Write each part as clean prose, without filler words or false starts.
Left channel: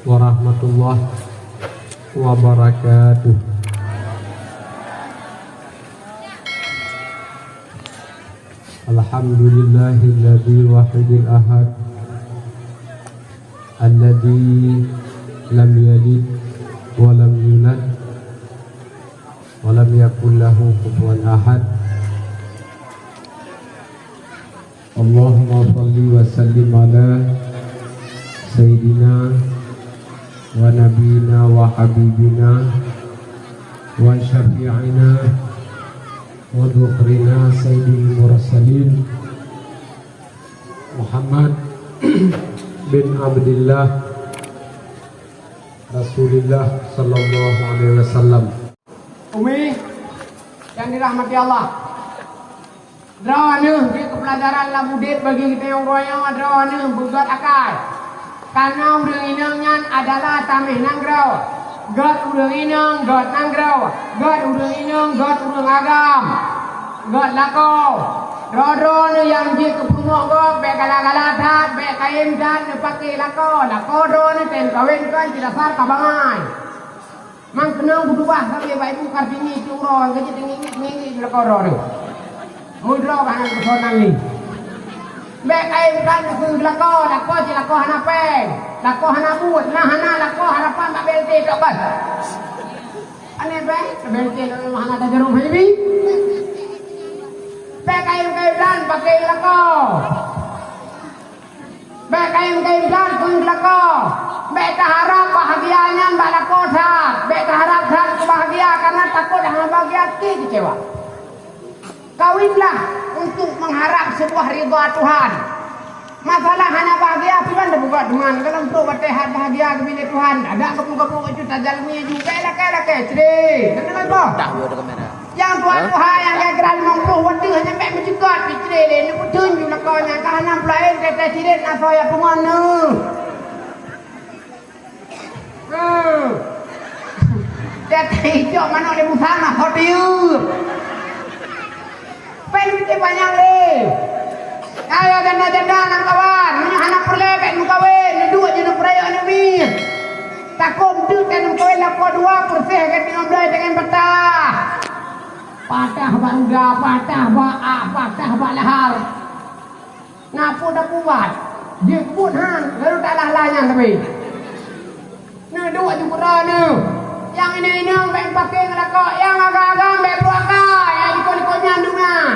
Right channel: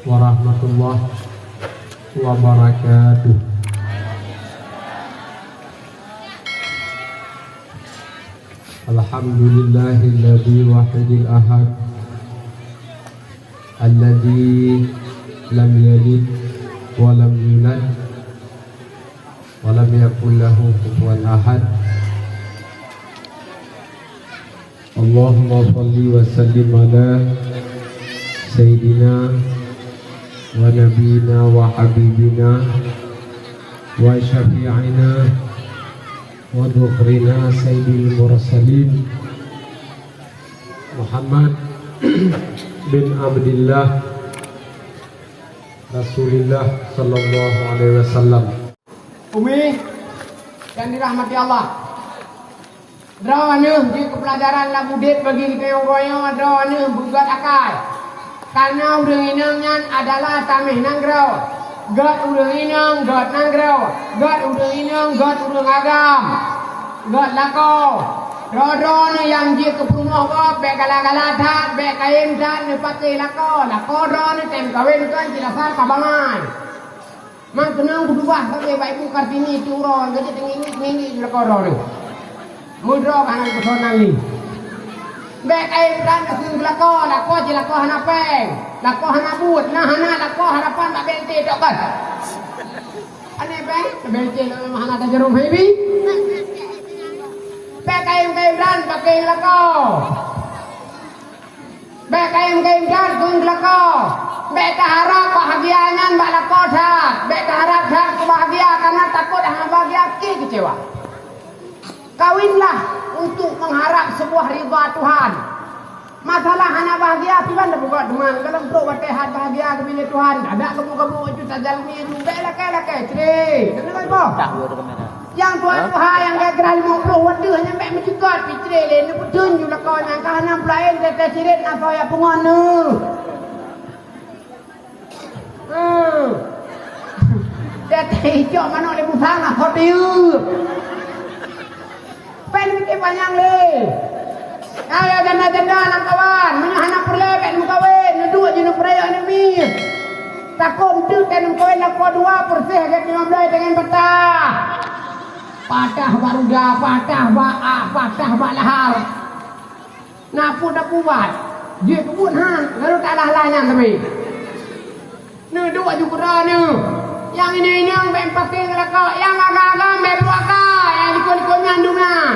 warahmatullahi wabarakatuh. Alhamdulillahilladzi wahidil ahad alladzi lam yalid wa lam yulad wa lam yakul lahu kufuwan ahad. Allahumma shalli wa sallim ala sayyidina wa nabiyina wa habibina wa syafi'ina wa dhukhrina sayyidil mursalin Muhammad bin Abdillah Rasulullah sallallahu alaihi wasallam. Umi yang dirahmati Allah, drawane di pelajaran labudit bagi kita yang drawane bugat akal. Karena udah inangnya adalah tamih nanggrau, god udah inang, god nanggrau, god udah inang, god udah ngagam, god lako. Dodon yang dia ke rumah kau, bek galang-galang tat, bek kain tat, dipakai lako don tem kawin kan tidak sah kabangan. Mang tenang berdua pakai ibu kartini curang, kerja tinggi lako don. Mudro bahan kesonang ni. Bek kain tat ke lako je hana peng, lako hana but, nah hana lako harapan tak belte tak bat. Aneh baik, belte nak hana ada jarum baby. Bek kain pakai lako. Bek kain dan kun lako. Bek harap bahagianya mbak lako dah. Bek harap bahagia karena takut hang bahagia ki kecewa. Kawinlah untuk mengharap sebuah ridha Tuhan. Masalah hanya bahagia pilan dah buat teman. Kalau pro batehat bahagia kepada Tuhan. Ada kebu-kebu itu tajalmi juga lah ceri. Kenapa kau? Tak ada kamera. Yang Tuhan yang kira 50 waktu hanya mek mencegat pitre le ni putun ju lakon yang kahana pelain kata cirit apa ya pengono. Kata hijau mana ada busana hotel. Penting banyak le. Ayo janda-janda nak kawan, mana hana perlebek nu kawin, nu dua je nu peraya nu bir. Takom tu ten koin lako 2 persih ke 15 dengan petah. Patah baruda, patah ba'ah, patah ba'lahar. Napa dah buat? Dia pun lalu tak lah-lahnya tapi. Ni dua juga ni. Yang ini yang baik pakai ngelakak, yang agak-agak baik puakak, yang ikut-ikutnya dengan.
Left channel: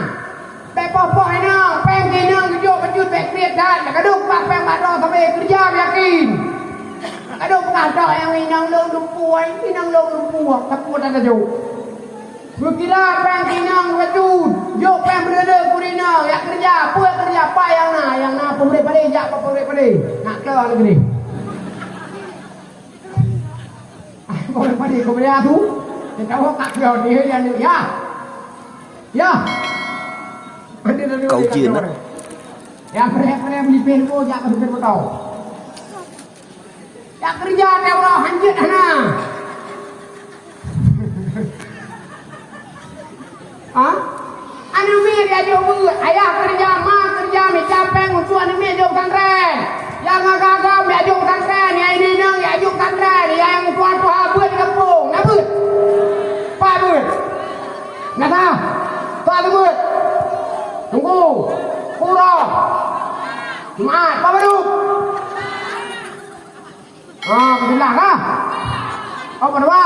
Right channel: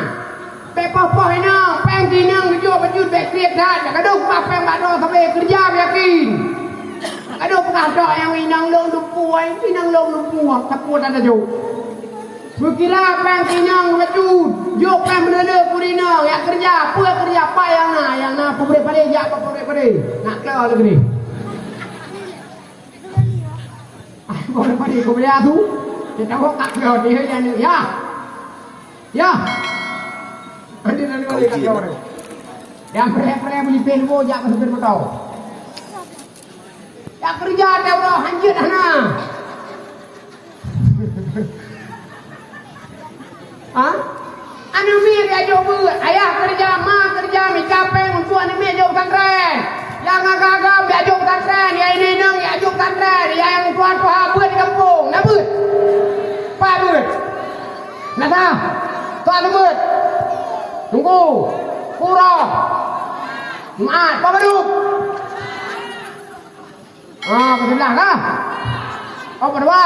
Baik poh-poh ini, pengki ni, kejuk bejut, baik kriat dah. Kadang apa yang ada sampai kerja yakin. Kadang ada yang ini long lumpuh, ini long lumpuh, tapi tak ada jauh. Berkira pengkinang wajud, jok peng berada kurina, yang kerja apa yang na pemberi pada jak apa pemberi pada, nak keluar negeri. Pemberi pada kemudian tu, kita tak keluar dia yang ya, ada dari mana keluar? Yang pemberi beli penbo jak apa pemberi tahu. Yang kerja dia orang hanjut hana. Anu mi dia jauh ayah kerja, mak kerja, mika peng untuk anu mi jauh kantren. Yang agak-agak mi jauh kantren, yang ini nang yang jauh kantren, yang tuan-tuan buat di kampung, nak buat. Pak buat. Nak tak? Tak buat. Tunggu. Kurang. Jumaat, apa baru? Kesenang kah? Apa dua?